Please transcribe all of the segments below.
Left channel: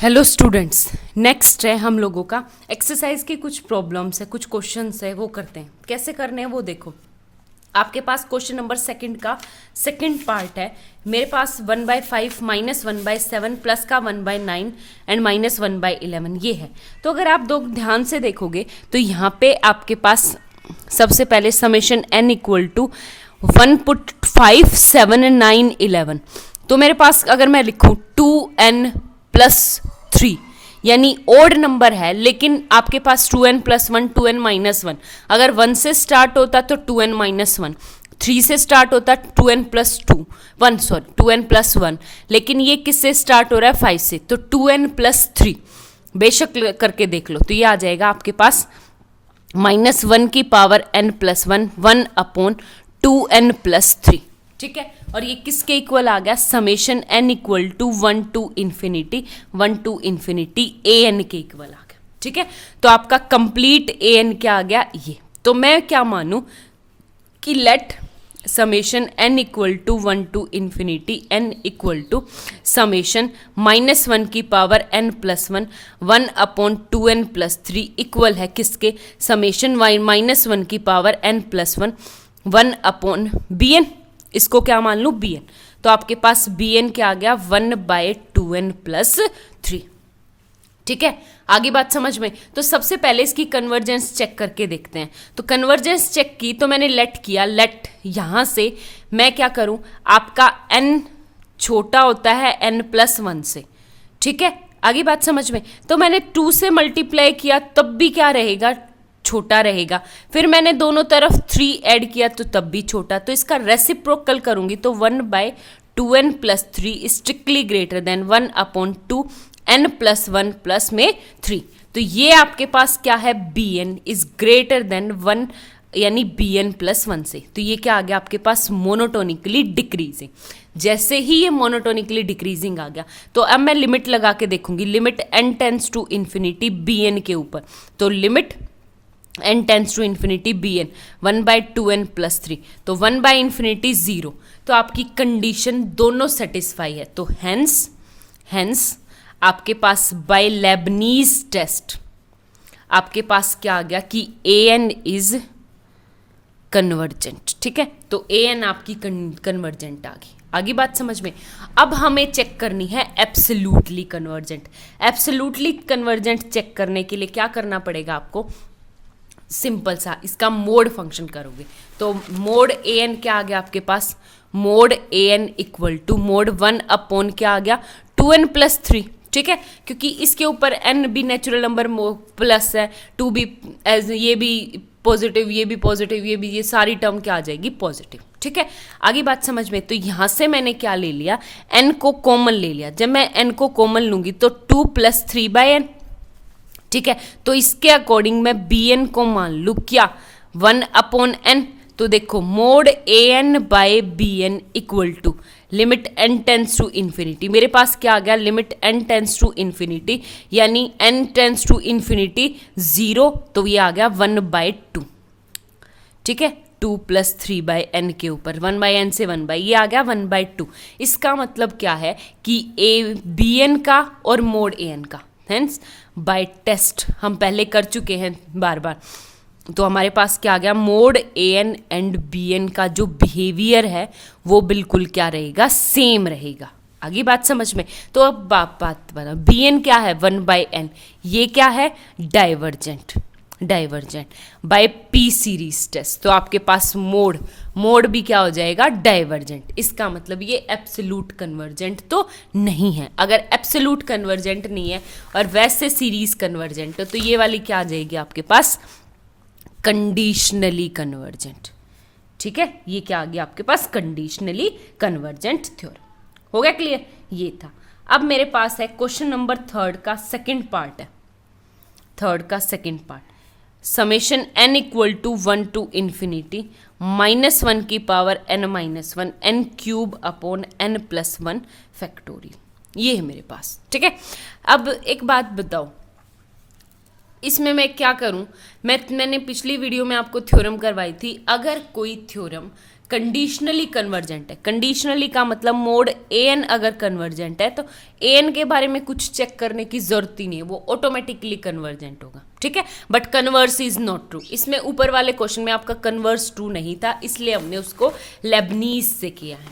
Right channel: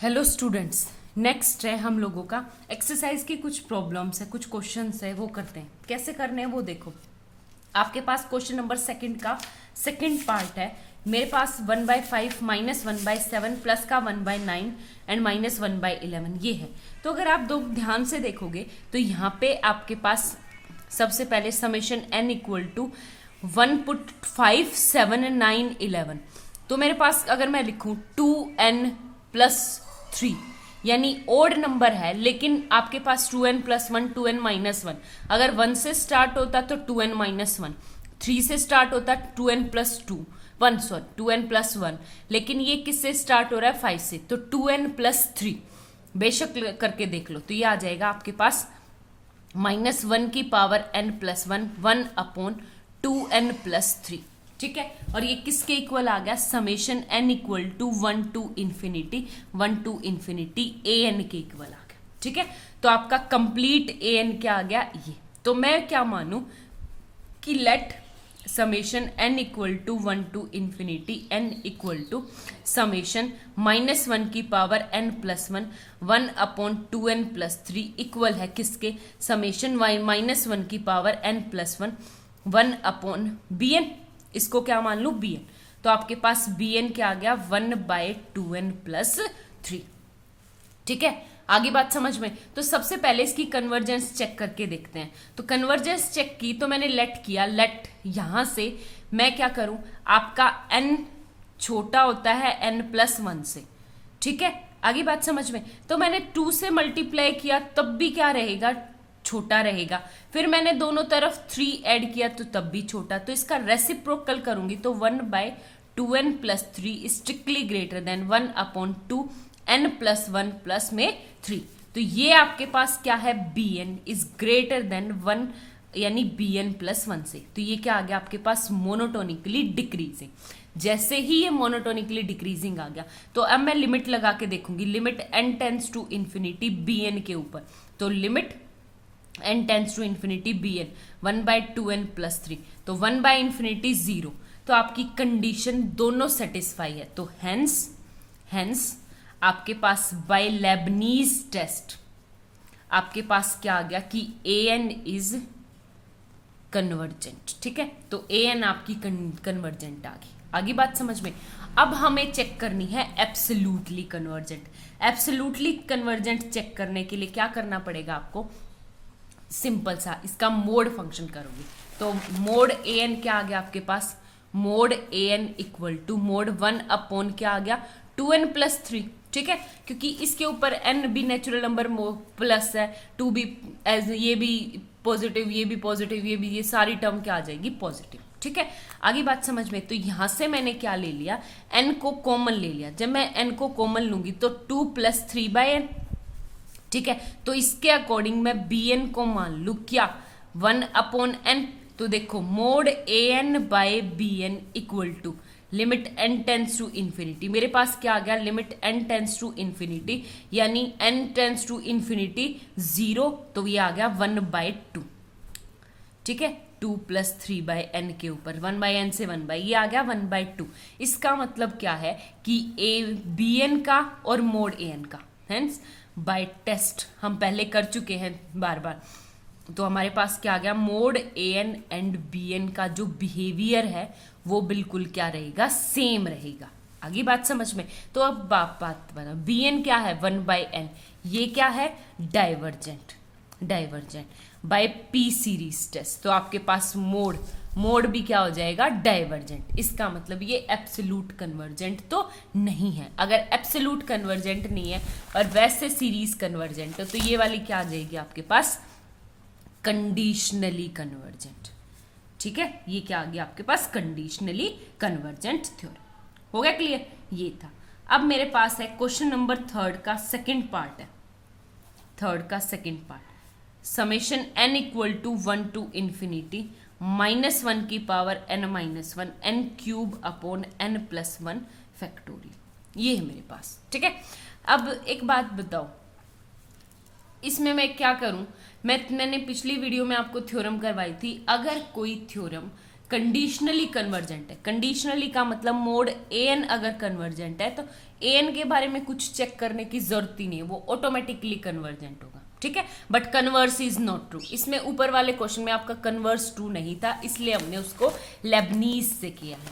Hello students, next है हम लोगों का एक्सरसाइज की कुछ प्रॉब्लम्स है, कुछ क्वेश्चंस है, वो करते हैं। कैसे करने हैं वो देखो। आपके पास क्वेश्चन नंबर सेकंड का सेकंड पार्ट है। मेरे पास 1/5 -1/7 प्लस का 1/9 एंड -1/11 ये है। तो अगर आप दो ध्यान से देखोगे तो यहाँ पे आपके पास सबसे पहले summation n equal to 1 put 5 7 9 11। तो मेरे पास अगर मैं लिखूँ 2n+3 यानी ओड नंबर है, लेकिन आपके पास 2n+1 2n-1। अगर 1 से स्टार्ट होता तो 2n-1, 3 से स्टार्ट होता 2n+1, लेकिन ये किससे स्टार्ट हो रहा है 5 से, तो 2n+3 बेशक करके देख लो। तो ये आ जाएगा आपके पास -1 की पावर n+1 1/2n+3। ठीक है, और ये किसके इक्वल आ गया, summation n equal to 1 to infinity an के इक्वल आ गया। ठीक है, तो आपका कंप्लीट an क्या आ गया ये। तो मैं क्या मानूं कि let summation n equal to 1 to infinity n equal to summation -1 की पावर n+1 1/2n+3 इक्वल है किसके, समेशन -1 की पावर n+1 1/bn। इसको क्या मान लूँ bn। तो आपके पास bn क्या आ गया 1/2n+3। ठीक है, आगे बात समझ में। तो सबसे पहले इसकी कन्वर्जेंस चेक करके देखते हैं। तो कन्वर्जेंस चेक की तो मैंने लेट किया, लेट यहाँ से मैं क्या करूँ, आपका n छोटा होता है n+1 से। ठीक है, आगे बात समझ में। तो मैंने 2 से मल्टीप्लाई किया तब भी क्या रहेगा, छोटा रहेगा। फिर मैंने दोनों तरफ 3 ऐड किया तो तब भी छोटा। तो इसका रेसिप्रोकल करूंगी तो 1/2n+3 strictly greater than 1/2n+1 plus में 3। तो ये आपके पास क्या है, bn इज ग्रेटर देन 1 यानी bn+1 से। तो ये क्या आ गया आपके पास, मोनोटोनिकली डिक्रीजिंग। जैसे ही ये मोनोटोनिकली डिक्रीजिंग आ गया तो अब मैं लिमिट लगा के देखूंगी, limit n tends to infinity bn के ऊपर। तो limit n tends to infinity bn 1/2n+3, तो 1/∞ 0। तो आपकी कंडीशन दोनों सेटिस्फाई है। तो हेंस आपके पास बाय लेबनीज टेस्ट आपके पास क्या आ गया कि an इज कन्वर्जेंट। ठीक है, तो an आपकी कन्वर्जेंट आ गई। आगे बात समझ में। अब हमें चेक करनी है absolutely convergent. Absolutely convergent check करने के लिए क्या करना पड़ेगा आपको, सिंपल सा इसका मोड फंक्शन करोगे। तो मोड an क्या आ गया आपके पास, mod an equal to mod 1 क्या आ गया 2n+3। ठीक है, क्योंकि इसके ऊपर n भी नेचुरल नंबर प्लस है, 2 भी एज, ये भी पॉजिटिव, ये भी पॉजिटिव, ये भी, ये सारी टर्म क्या आ जाएगी पॉजिटिव। ठीक है, आगे बात समझ में। तो यहां से मैंने क्या ले लिया, n को कॉमन ले लिया। जब मैं n को कॉमन लूंगी तो 2 + 3/n। ठीक है, तो इसके अकॉर्डिंग मैं bn को मान लू क्या 1/n। तो देखो mod an/bn equal to limit n tends to infinity. मेरे पास क्या आ गया, limit n tends to infinity यानी n टेंस टू इन्फिनिटी 0। तो ये आ गया 1/2। ठीक है, 2 + 3/n के ऊपर 1/n से 1/, ये आ गया 1/2। इसका मतलब क्या है कि bn का और मोड an का, हेंस बाय टेस्ट हम पहले कर चुके हैं बार बार। तो हमारे पास क्या आ गया, मोड an एंड bn का जो बिहेवियर है वो बिल्कुल क्या रहेगा, सेम रहेगा। आगे बात समझ में। तो अब बात बताओ, bn क्या है 1/n, ये क्या है divergent by p series test. तो आपके पास मोड भी क्या हो जाएगा, डाइवर्जेंट। इसका मतलब ये एब्सोल्यूट कन्वर्जेंट तो नहीं है। अगर एब्सोल्यूट कन्वर्जेंट नहीं है और वैसे सीरीज कन्वर्जेंट है तो ये वाली क्या आ जाएगी आपके पास, कंडीशनली कन्वर्जेंट। ठीक है, ये क्या आ गया आपके पास, कंडीशनली कन्वर्जेंट थ्योरम। हो गया क्लियर, ये था। अब मेरे पास है क्वेश्चन नंबर थर्ड का सेकंड पार्ट है। थर्ड का second part, summation n equal to 1 to infinity -1 की power n-1 n³ n+1 factorial. ये है मेरे पास। ठीक है, अब एक बात बताओ, इसमें मैं क्या करूं, मैंने पिछली वीडियो में आपको थ्योरम करवाई थी। अगर कोई थ्योरम कंडीशनली कन्वर्जेंट है। कंडीशनली का मतलब मोड ए एन अगर कन्वर्जेंट है तो ए एन के बारे में कुछ चेक करने की जरूरत ही नहीं है, वो ऑटोमेटिकली कन्वर्जेंट होगा, ठीक है। But converse is not true, इसमें ऊपर वाले क्वेश्चन में आपका कन्वर्स ट्रू नहीं था, इसलिए हमने उसको लेबनीज से किया है,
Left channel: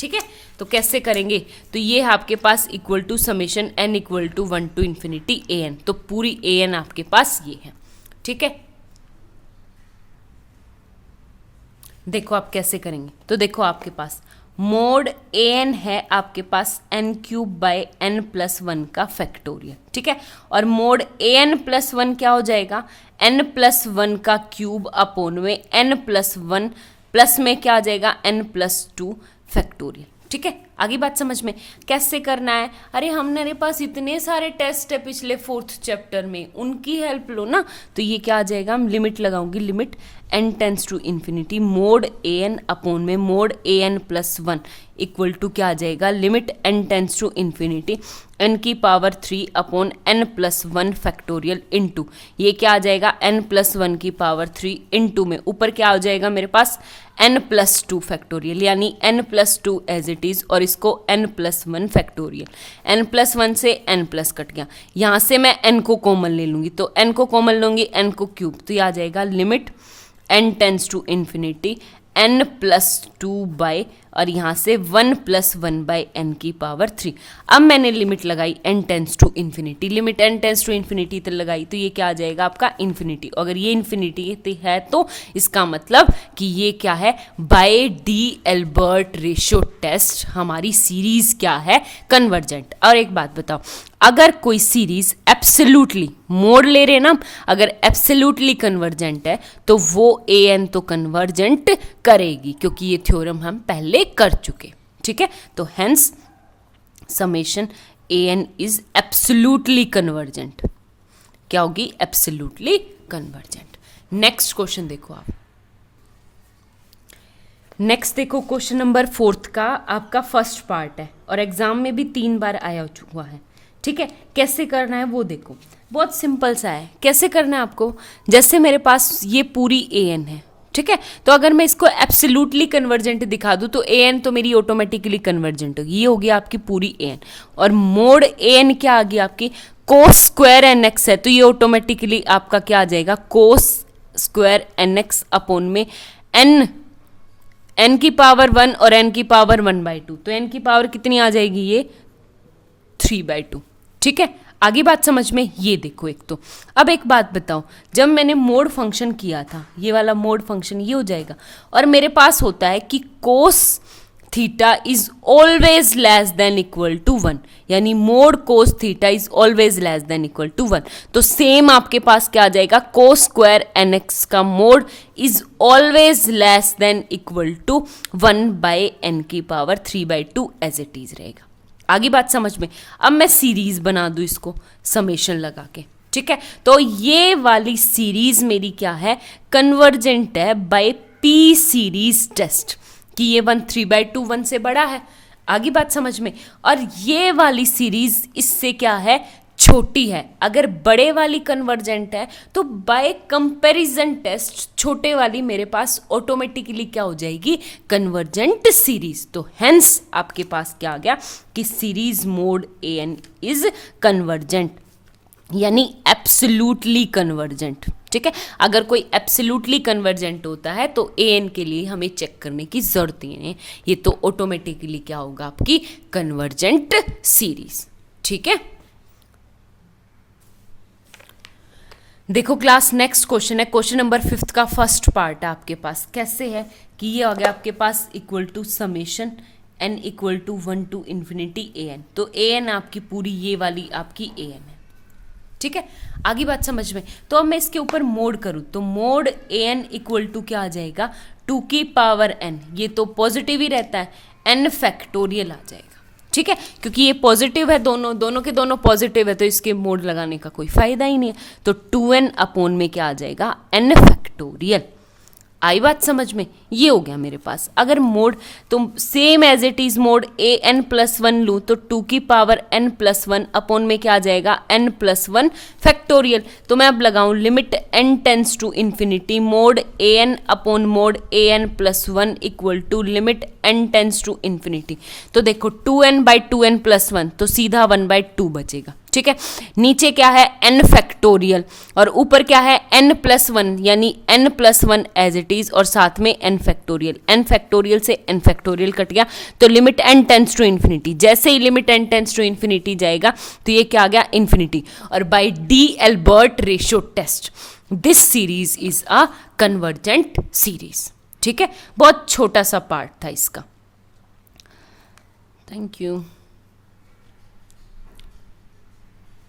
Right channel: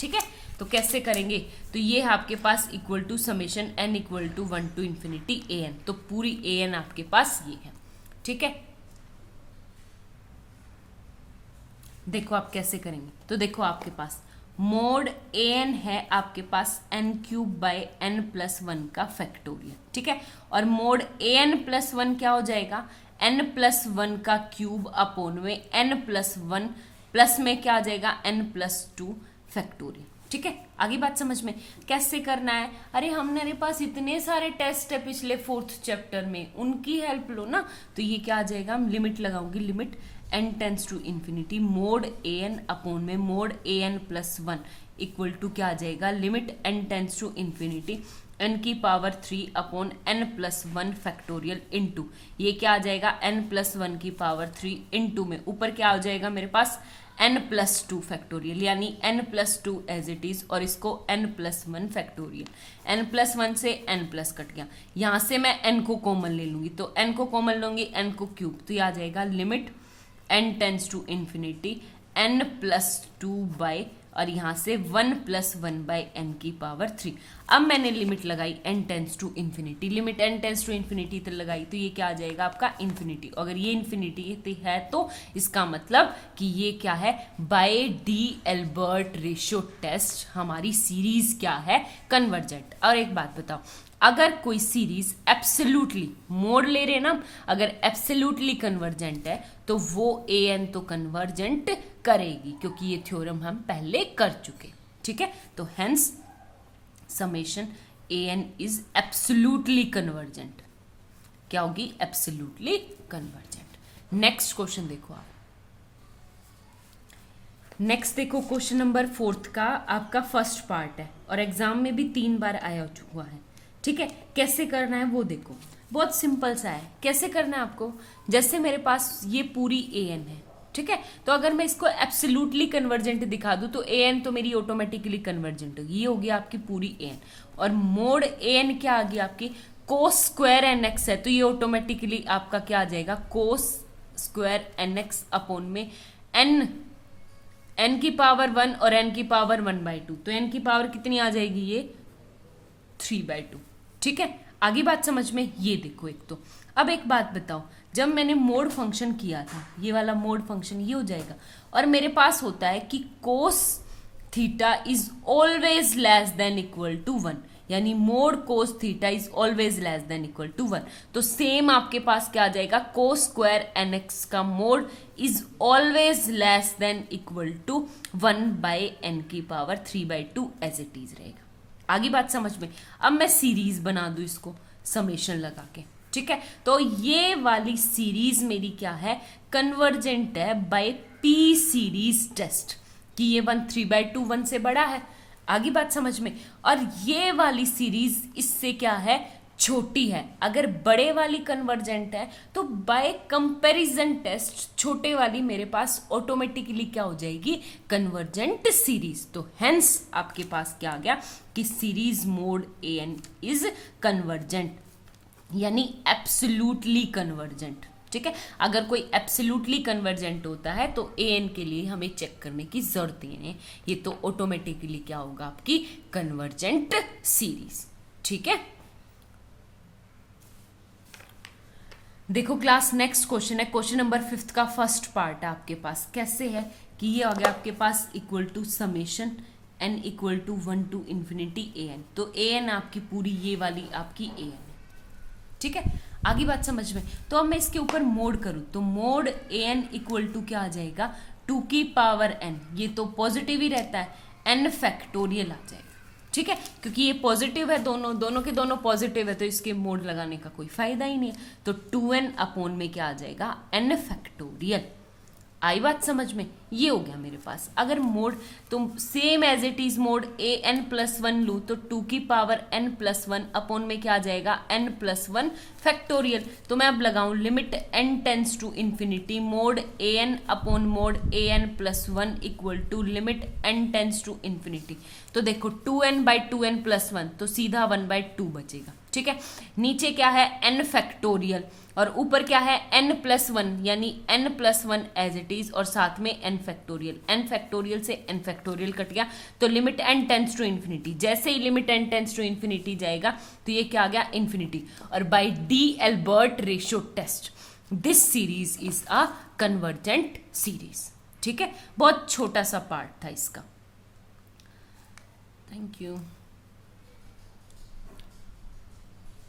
ठीक है। तो कैसे करेंगे, तो ये है आपके पास equal to summation N equal to 1 to infinity A N, तो पूरी ए एन आपके पास ये है, ठीक है। देखो आप कैसे करेंगे, तो देखो आपके पास मोड ए एन है आपके पास N cube by N plus 1 का फैक्टोरियल, ठीक है। और मोड ए एन प्लस 1 क्या हो जाएगा, एन प्लस 1 का क्यूब अपोन में एन प्लस 1 प्लस में क्या आ जाएगा एन प्लस 2 फैक्टोरियल, ठीक है। आगे बात समझ में, कैसे करना है, अरे मेरे पास इतने सारे टेस्ट है पिछले 4th चैप्टर में, उनकी हेल्प लो ना। तो ये क्या आ जाएगा, हम लिमिट लगाऊंगी, limit N tends to infinity mod A N upon में mod A N plus 1 equal to क्या आ जाएगा, limit N tends to infinity N की power 3 upon N plus 1 factorial into, ये क्या आ जाएगा एन प्लस 1 की पावर 3 इनटू में ऊपर क्या हो जाएगा मेरे पास एन प्लस 2 फैक्टोरियल, यानी n plus 2 as it is, और इसको n plus 1 factorial. N plus 1 से एन प्लस कट गया, यहाँ से मैं एन को कॉमन ले लूंगी, तो एन को कॉमन लूंगी, एन को क्यूब, तो ये आ जाएगा limit N tends to infinity n plus 2 by, और यहाँ से 1 प्लस 1 बाय एन की पावर 3। अब मैंने लिमिट लगाई n tends to infinity, limit N tends to infinity तक लगाई, तो ये क्या आ जाएगा आपका इन्फिनिटी। अगर ये इन्फिनिटी है तो इसका मतलब कि ये क्या है, by D Albert ratio test हमारी सीरीज क्या है, कन्वर्जेंट। और एक बात बताओ, अगर कोई सीरीज एब्सोल्युटली मोड ले रहे ना, अगर एब्सोल्युटली कन्वर्जेंट है तो वो ए एन तो कन्वर्जेंट करेगी, क्योंकि ये थ्योरम हम पहले कर चुके, ठीक है। तो hence summation a n is absolutely convergent, क्या होगी, एब्सोल्युटली कन्वर्जेंट। नेक्स्ट क्वेश्चन देखो आप, नेक्स्ट देखो क्वेश्चन नंबर 4th का आपका फर्स्ट पार्ट है और एग्जाम में भी 3 बार आया हुआ है, ठीक है। कैसे करना है वो देखो, बहुत सिंपल सा है। कैसे करना है आपको, जैसे मेरे पास ये पूरी ए एन है, ठीक है, तो अगर मैं इसको एब्सोल्युटली कन्वर्जेंट दिखा दूं तो ए एन तो मेरी ऑटोमेटिकली कन्वर्जेंट होगी, ये होगी आपकी पूरी ए एन। और मोड ए एन क्या आ गई आपकी, कोस स्क्वायर एन एक्स है, तो ये ऑटोमेटिकली आपका क्या आ जाएगा, cos square n x upon में एन की पावर 1 और एन की पावर 1/2, तो एन की पावर कितनी आ जाएगी, ये 3/2, ठीक है। आगे बात समझ में, ये देखो एक तो अब एक बात बताओ, जब मैंने मोड फंक्शन किया था, ये वाला मोड फंक्शन ये हो जाएगा, और मेरे पास होता है कि cos theta is always less than equal to 1, यानी mod cos theta is always less than equal to 1, तो सेम आपके पास क्या आ जाएगा, कोस स्क्वायर एन एक्स का mod is always less than equal to 1/n की पावर 3/2 एज इट इज रहेगा। आगे बात समझ में, अब मैं सीरीज बना दूं इसको समेशन लगा के, ठीक है। तो ये वाली सीरीज मेरी क्या है, कन्वर्जेंट है बाय पी सीरीज टेस्ट, कि ये 1 3/2 1 से बड़ा है। आगे बात समझ में, और ये वाली सीरीज इससे क्या है, छोटी है। अगर बड़े वाली कन्वर्जेंट है तो बाय कंपैरिजन टेस्ट छोटे वाली मेरे पास ऑटोमेटिकली क्या हो जाएगी, कन्वर्जेंट सीरीज। तो हेंस आपके पास क्या आ गया कि series mod A n is convergent, यानी एब्सोल्युटली कन्वर्जेंट, ठीक है। अगर कोई एब्सोल्युटली कन्वर्जेंट होता है तो ए एन के लिए हमें चेक करने की जरूरत ही नहीं, ये तो ऑटोमेटिकली क्या होगा, आपकी कन्वर्जेंट सीरीज, ठीक है। देखो क्लास, नेक्स्ट क्वेश्चन है क्वेश्चन नंबर 5th का फर्स्ट पार्ट है आपके पास। कैसे है कि ये आ गया आपके पास equal to summation N equal to 1 to infinity A N, तो ए एन आपकी पूरी ये वाली आपकी ए एन है, ठीक है। आगे बात समझ में, तो अब मैं इसके ऊपर मोड करूँ तो mod A n equal to क्या आ जाएगा, 2 की पावर n, ये तो पॉजिटिव ही रहता है, n फैक्टोरियल आ जाएगा, ठीक है। क्योंकि ये पॉजिटिव है, दोनों के दोनों पॉजिटिव है, तो इसके मोड लगाने का कोई फायदा ही नहीं है। तो 2n अपॉन में क्या आ जाएगा, n फैक्टोरियल। आई बात समझ में? ये हो गया मेरे पास। अगर मोड तुम same as it is mod A N plus one लूँ तो 2 की power n plus one upon में क्या आ जाएगा, n प्लस वन फैक्टोरियल। तो मैं अब लगाऊं limit n tends to infinity mod A n upon mod A N plus one equal to limit n tends to infinity. तो देखो 2n by 2n plus one, तो सीधा 1/2 बचेगा। ठीक है, नीचे क्या है n फैक्टोरियल और ऊपर क्या है n प्लस वन, यानी n plus one as it is और साथ में n फैक्टोरियल। n फैक्टोरियल से n फैक्टोरियल कट गया तो limit n tends to infinity. जैसे ही limit n tends to infinity जाएगा तो ये क्या आ गया, इन्फिनिटी। और by D Albert ratio test this series is a convergent series. ठीक है, बहुत छोटा सा पार्ट था इसका। Thank you.